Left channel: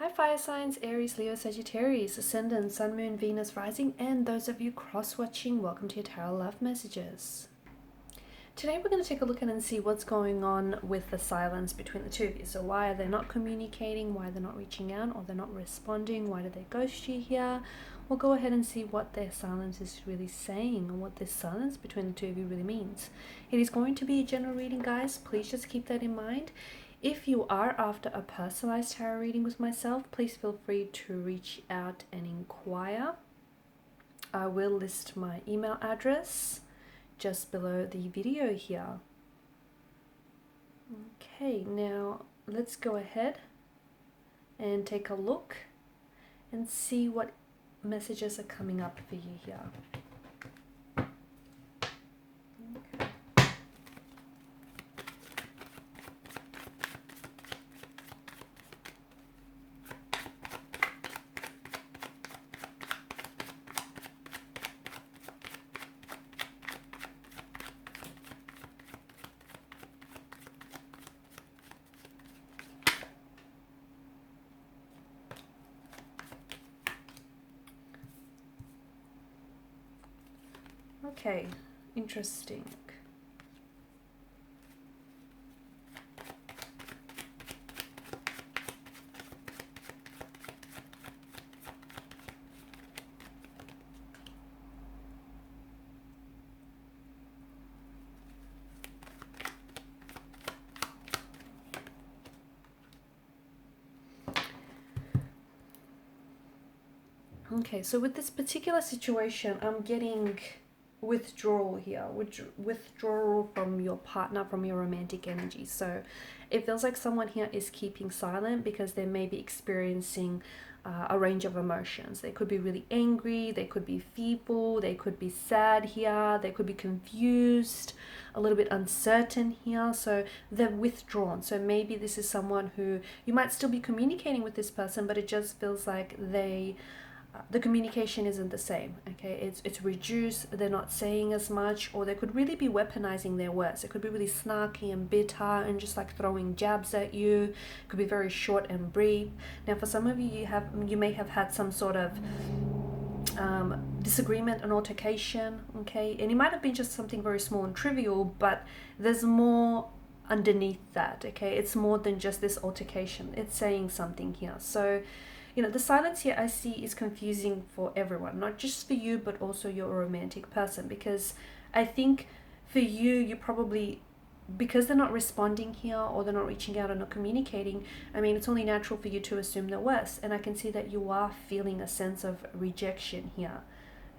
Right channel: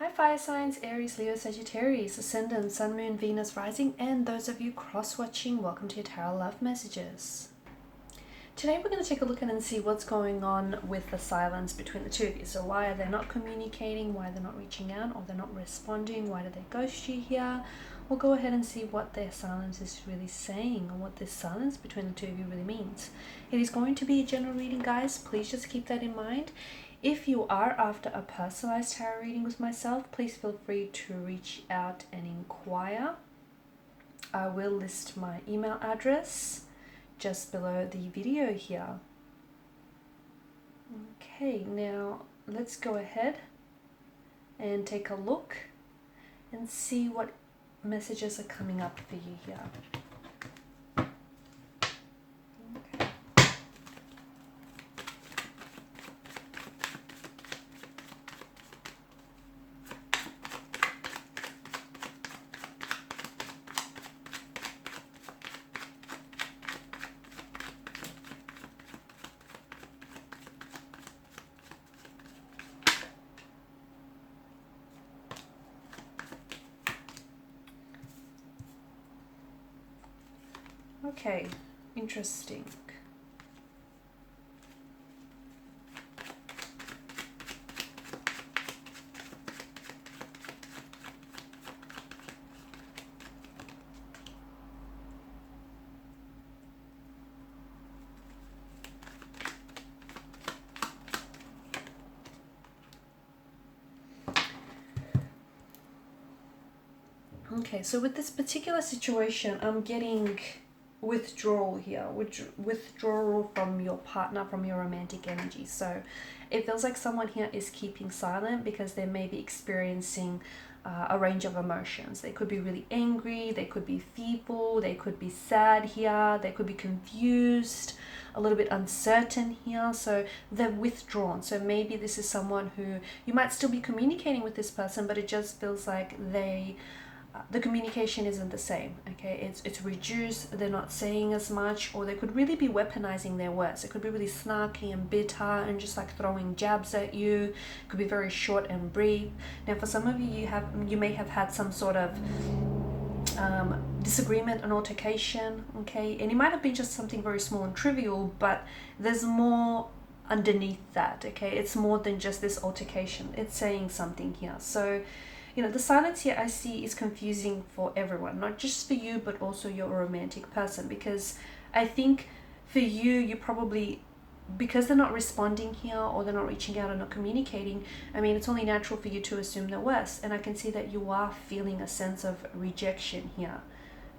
Hi fire signs, Aries, Leo, Sagittarius, Ascendant, Sun, Moon, Venus, Rising, and those of you cross-watching, welcome to your Tarot Love Messages. Today we're going to take a look at and see what's going on with the silence between the two of you. So why are they not communicating, why they're not reaching out, or they're not responding, why did they ghost you here? We'll go ahead and see what their silence is really saying and what this silence between the two of you really means. It is going to be a general reading, guys. Please just keep that in mind. If you are after a personalized tarot reading with myself, please feel free to reach out and inquire. I will list my email address just below the video here. Okay, now let's go ahead and take a look and see what messages are coming up for you here. Okay. Okay, interesting. Okay, so with this particular situation, I'm getting withdrawal here, withdrawal from your partner, from your romantic energy. So it feels like someone here is keeping silent because they may be experiencing a range of emotions. They could be really angry, they could be fearful, they could be sad here, they could be confused, a little bit uncertain here. So they're withdrawn. So maybe this is someone who you might still be communicating with this person, but it just feels like the communication isn't the same. Okay, it's reduced, they're not saying as much, or they could really be weaponizing their words. It could be really snarky and bitter and just like throwing jabs at you. It could be very short and brief. Now for some of you, you may have had some sort of disagreement and altercation, okay, and it might have been just something very small and trivial, but there's more underneath that. Okay, it's more than just this altercation, it's saying something here. So the silence here I see is confusing for everyone, not just for you, but also your romantic person, because I think for you probably, because they're not responding here or they're not reaching out or not communicating, I mean, it's only natural for you to assume the worst. And I can see that you are feeling a sense of rejection here.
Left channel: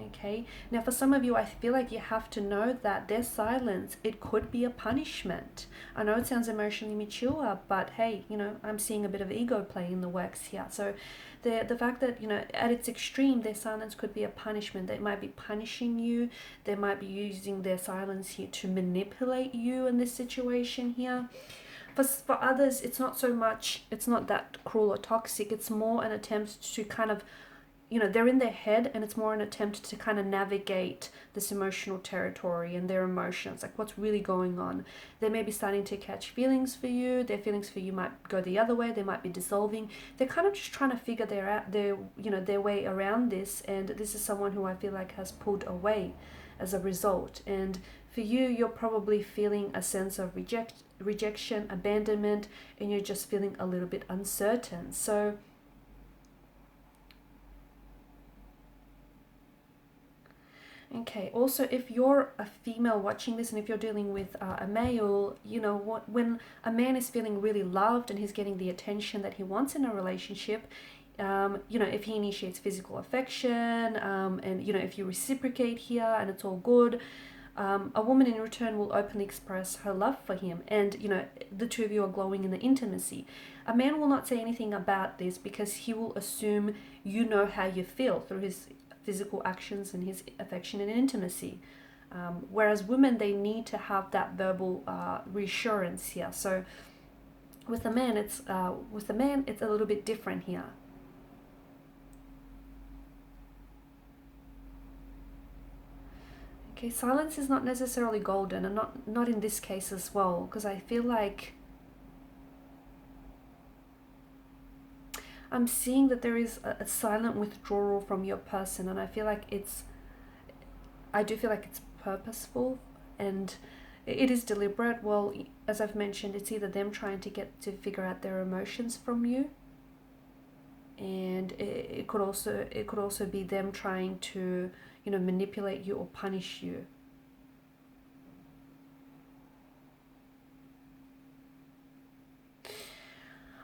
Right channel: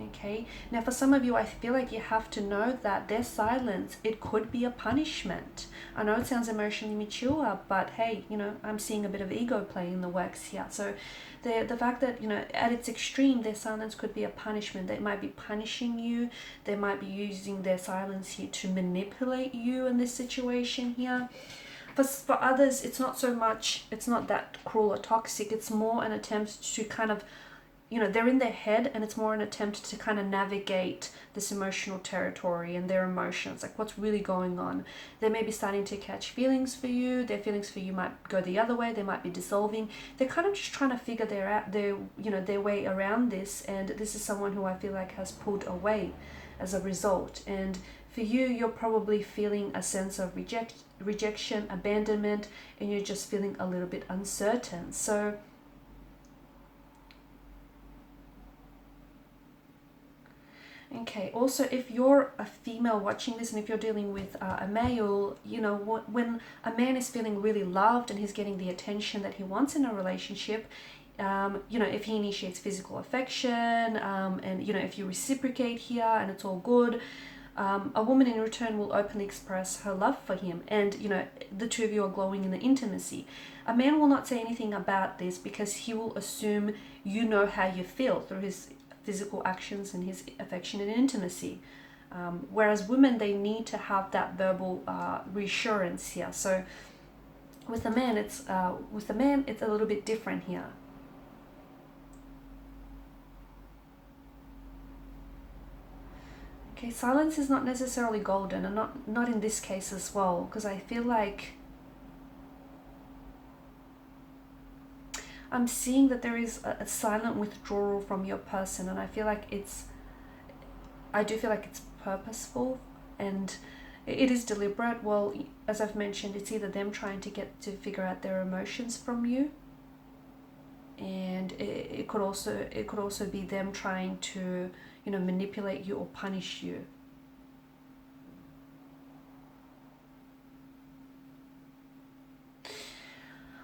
Okay, now for some of you, I feel like you have to know that their silence, it could be a punishment. I know it sounds emotionally mature, but hey, I'm seeing a bit of ego play in the works here. So the fact that, at its extreme, their silence could be a punishment. They might be punishing you. They might be using their silence here to manipulate you in this situation here. For others, it's not so much, it's not that cruel or toxic. It's more an attempt to kind of, they're in their head, and it's more an attempt to kind of navigate this emotional territory and their emotions, like what's really going on. They may be starting to catch feelings for you. Their feelings for you might go the other way. They might be dissolving. They're kind of just trying to figure their way around this, and this is someone who I feel like has pulled away as a result. And for you, you're probably feeling a sense of rejection, abandonment, and you're just feeling a little bit uncertain. So okay, also if you're a female watching this, and if you're dealing with a male, when a man is feeling really loved and he's getting the attention that he wants in a relationship, if he initiates physical affection, and if you reciprocate here and it's all good, a woman in return will openly express her love for him, and the two of you are glowing in the intimacy. A man will not say anything about this because he will assume you know how you feel through his physical actions and his affection and intimacy. Whereas women, they need to have that verbal reassurance here. So with the man, it's a little bit different here. Okay, silence is not necessarily golden, and not in this case as well, because I feel like I'm seeing that there is a silent withdrawal from your person, and I do feel like it's purposeful, and it is deliberate. Well, as I've mentioned, it's either them trying to get to figure out their emotions from you, and it could also be them trying to, manipulate you or punish you.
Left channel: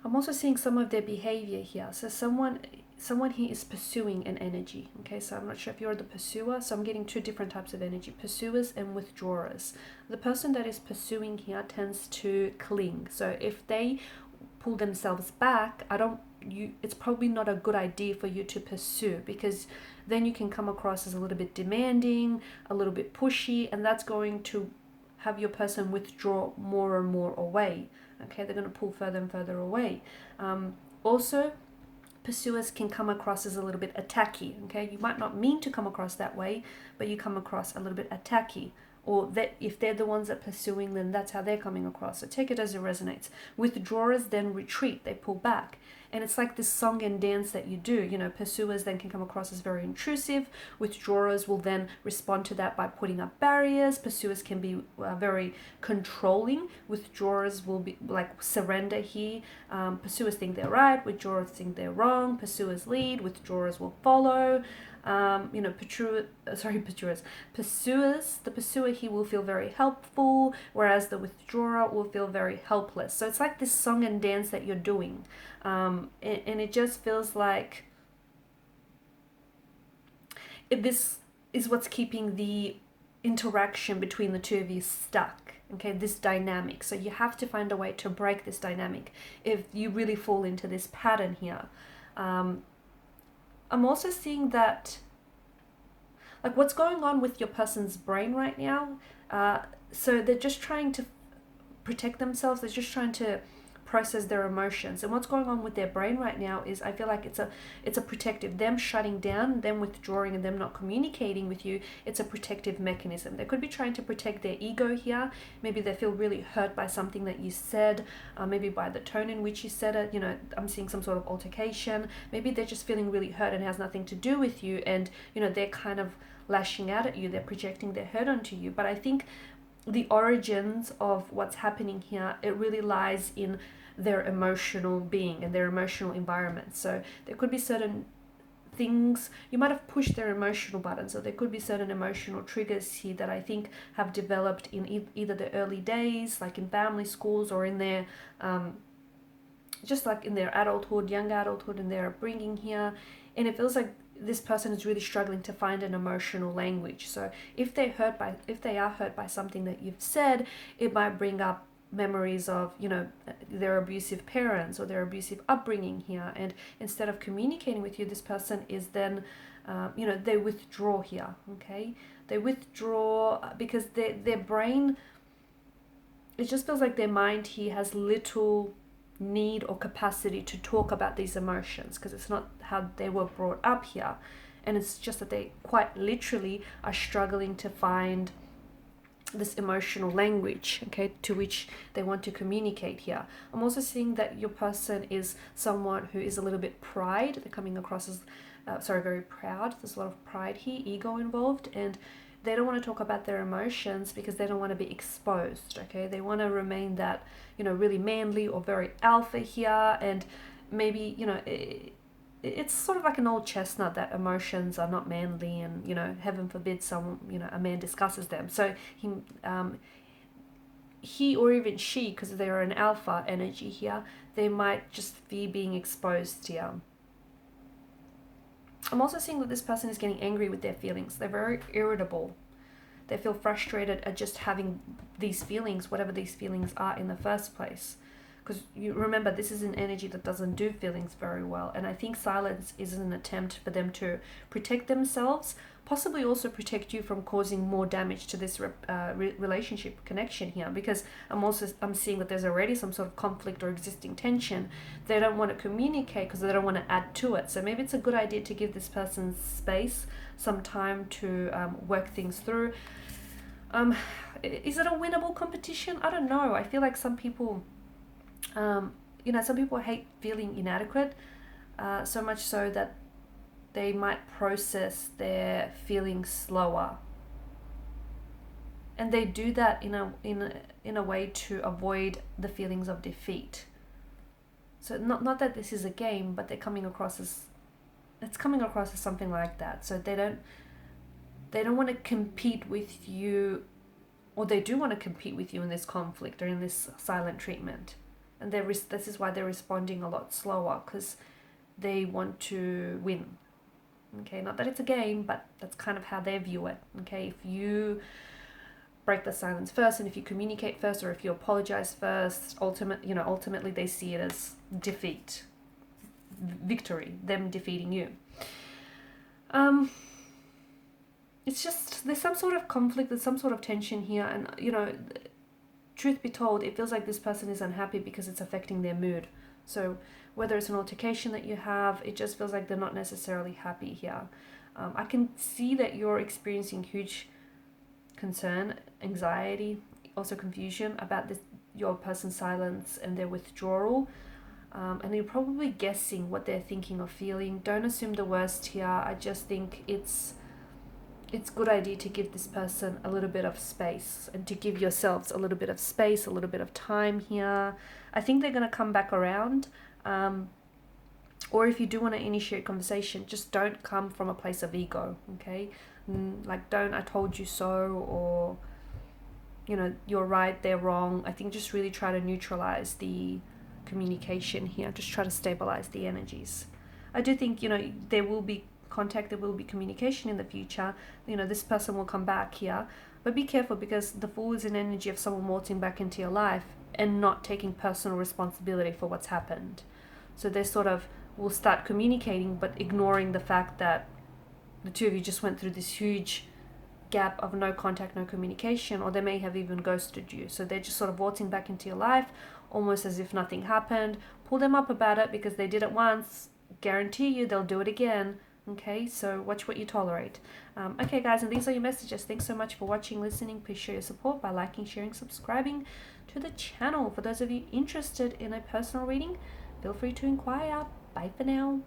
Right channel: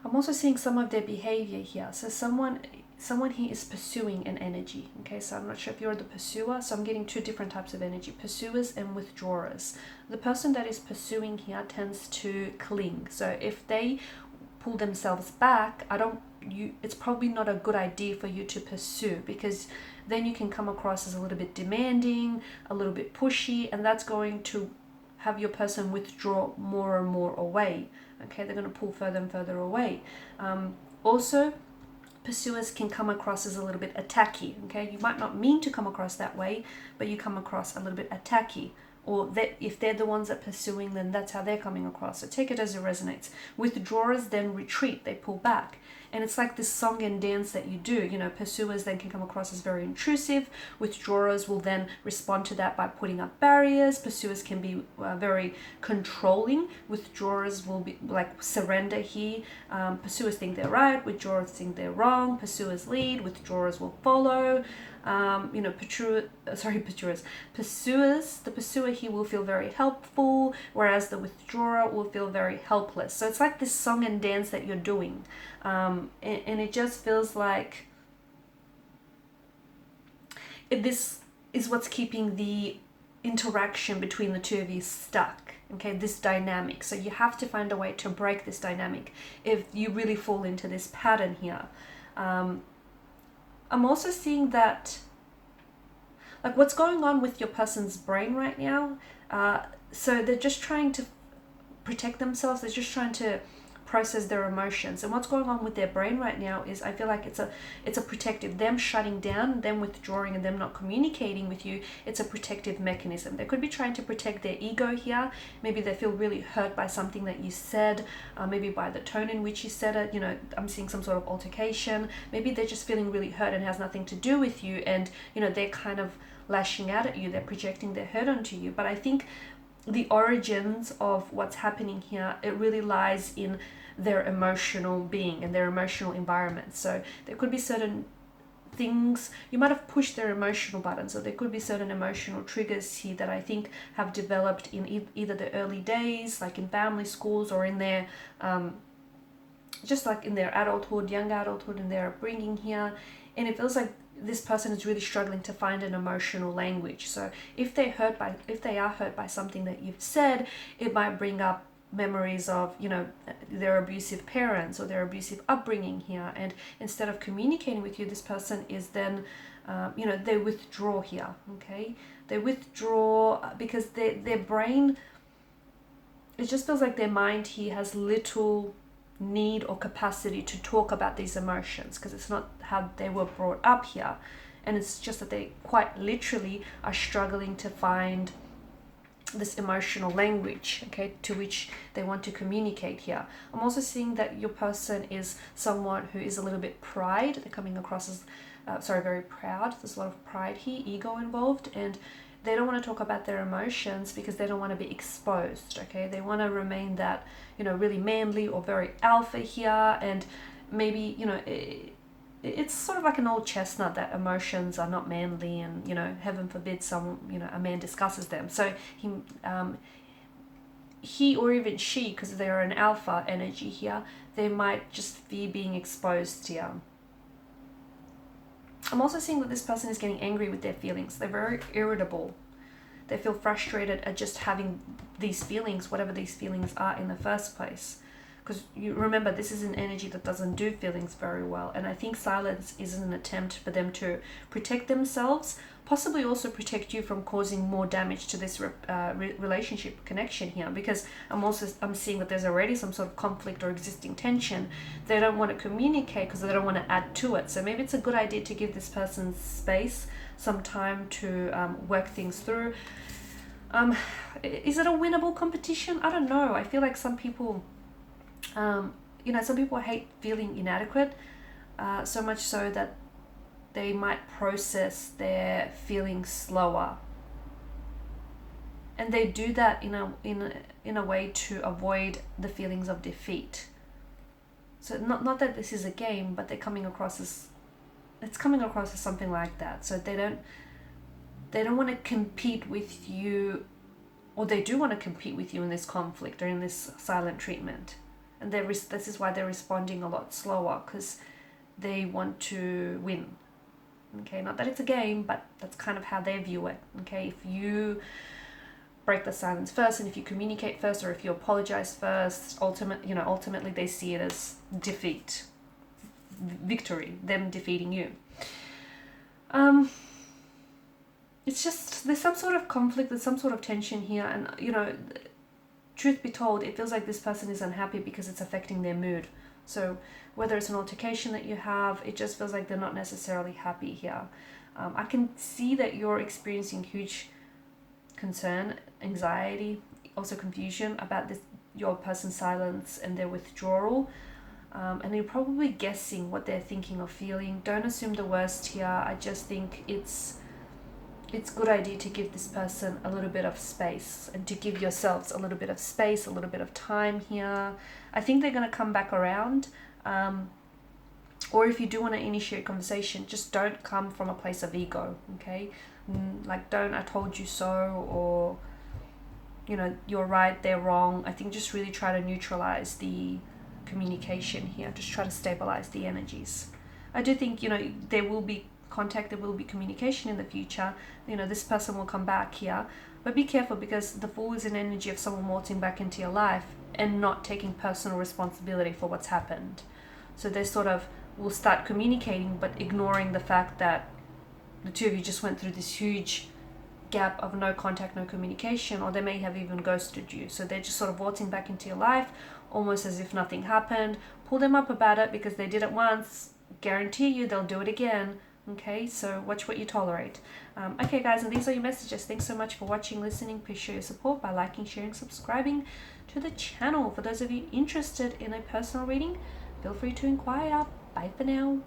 I'm also seeing some of their behavior here. So someone here is pursuing an energy. Okay, so I'm not sure if you're the pursuer. So I'm getting two different types of energy: pursuers and withdrawers. The person that is pursuing here tends to cling. So if they pull themselves back, it's probably not a good idea for you to pursue, because then you can come across as a little bit demanding, a little bit pushy, and that's going to have your person withdraw more and more away. Okay, they're going to pull further and further away. Also, pursuers can come across as a little bit attacky. Okay, you might not mean to come across that way, but you come across a little bit attacky. Or that if they're the ones that are pursuing, then that's how they're coming across. So take it as it resonates. Withdrawers then retreat, they pull back. And it's like this song and dance that you do. Pursuers then can come across as very intrusive. Withdrawers will then respond to that by putting up barriers. Pursuers can be very controlling. Withdrawers will be like surrender here. Pursuers think they're right. Withdrawers think they're wrong. Pursuers lead. Withdrawers will follow. The pursuer here will feel very helpful, whereas the withdrawer will feel very helpless. So it's like this song and dance that you're doing. And it just feels like this is what's keeping the interaction between the two of you stuck. Okay, this dynamic. So you have to find a way to break this dynamic if you really fall into this pattern here. I'm also seeing that, like, what's going on with your person's brain right now. So they're just trying to protect themselves. They're just trying to process their emotions. And what's going on with their brain right now is, I feel like it's a protective, them shutting down, them withdrawing, and them not communicating with you. It's a protective mechanism. They could be trying to protect their ego here. Maybe they feel really hurt by something that you said, maybe by the tone in which you said it. I'm seeing some sort of altercation. Maybe they're just feeling really hurt and has nothing to do with you, and they're kind of lashing out at you. They're projecting their hurt onto you. But I think the origins of what's happening here, it really lies in their emotional being and their emotional environment. So there could be certain things, you might have pushed their emotional buttons, so there could be certain emotional triggers here that I think have developed in either the early days, like in family, schools, or in their just like in their adulthood, young adulthood, and their upbringing here. And it feels like this person is really struggling to find an emotional language. So if they are hurt by something that you've said, it might bring up memories of their abusive parents or their abusive upbringing here. And instead of communicating with you, this person is then they withdraw here. Okay, they withdraw because their brain, it just feels like their mind here has little need or capacity to talk about these emotions, because it's not how they were brought up here. And it's just that they quite literally are struggling to find this emotional language, okay, to which they want to communicate here. I'm also seeing that your person is someone who is a little bit pride. They're coming across as very proud. There's a lot of pride here, ego involved, and they don't want to talk about their emotions because they don't want to be exposed. Okay, they want to remain that really manly or very alpha here, and maybe it's sort of like an old chestnut that emotions are not manly, and heaven forbid a man discusses them. So he or even she, because they're an alpha energy here, they might just be being exposed here. I'm also seeing that this person is getting angry with their feelings. They're very irritable. They feel frustrated at just having these feelings, whatever these feelings are in the first place. Because you remember, this is an energy that doesn't do feelings very well. And I think silence is an attempt for them to protect themselves, possibly also protect you from causing more damage to this relationship connection here. Because I'm seeing that there's already some sort of conflict or existing tension. They don't want to communicate because they don't want to add to it. So maybe it's a good idea to give this person space, some time to work things through. Is it a winnable competition? I don't know. I feel like some people, some people hate feeling inadequate. so much so that they might process their feelings slower, and they do that in a way to avoid the feelings of defeat. So not that this is a game, but it's coming across as something like that. So they don't want to compete with you, or they do want to compete with you in this conflict or in this silent treatment, and this is why they're responding a lot slower, because they want to win. Okay, not that it's a game, but that's kind of how they view it. Okay, if you break the silence first, and if you communicate first, or if you apologize first, ultimately they see it as defeat, victory, them defeating you. It's just, there's some sort of conflict, there's some sort of tension here, and truth be told, it feels like this person is unhappy because it's affecting their mood. So whether it's an altercation that you have, it just feels like they're not necessarily happy here. I can see that you're experiencing huge concern, anxiety, also confusion about your person's silence and their withdrawal. And you're probably guessing what they're thinking or feeling. Don't assume the worst here. I just think it's a good idea to give this person a little bit of space, and to give yourselves a little bit of space, a little bit of time here. I think they're going to come back around. Or if you do want to initiate conversation, just don't come from a place of ego, okay? Like, don't "I told you so," or "you're right, they're wrong." I think just really try to neutralize the communication here. Just try to stabilize the energies. I do think there will be contact, there will be communication in the future. This person will come back here, but be careful, because the Fool is an energy of someone waltzing back into your life and not taking personal responsibility for what's happened. So they sort of will start communicating, but ignoring the fact that the two of you just went through this huge gap of no contact, no communication, or they may have even ghosted you. So they're just sort of waltzing back into your life, almost as if nothing happened. Pull them up about it, because they did it once. Guarantee you they'll do it again. Okay, so watch what you tolerate. Okay, guys, and these are your messages. Thanks so much for watching, listening. Please show your support by liking, sharing, subscribing to the channel. For those of you interested in a personal reading, feel free to inquire. Bye for now.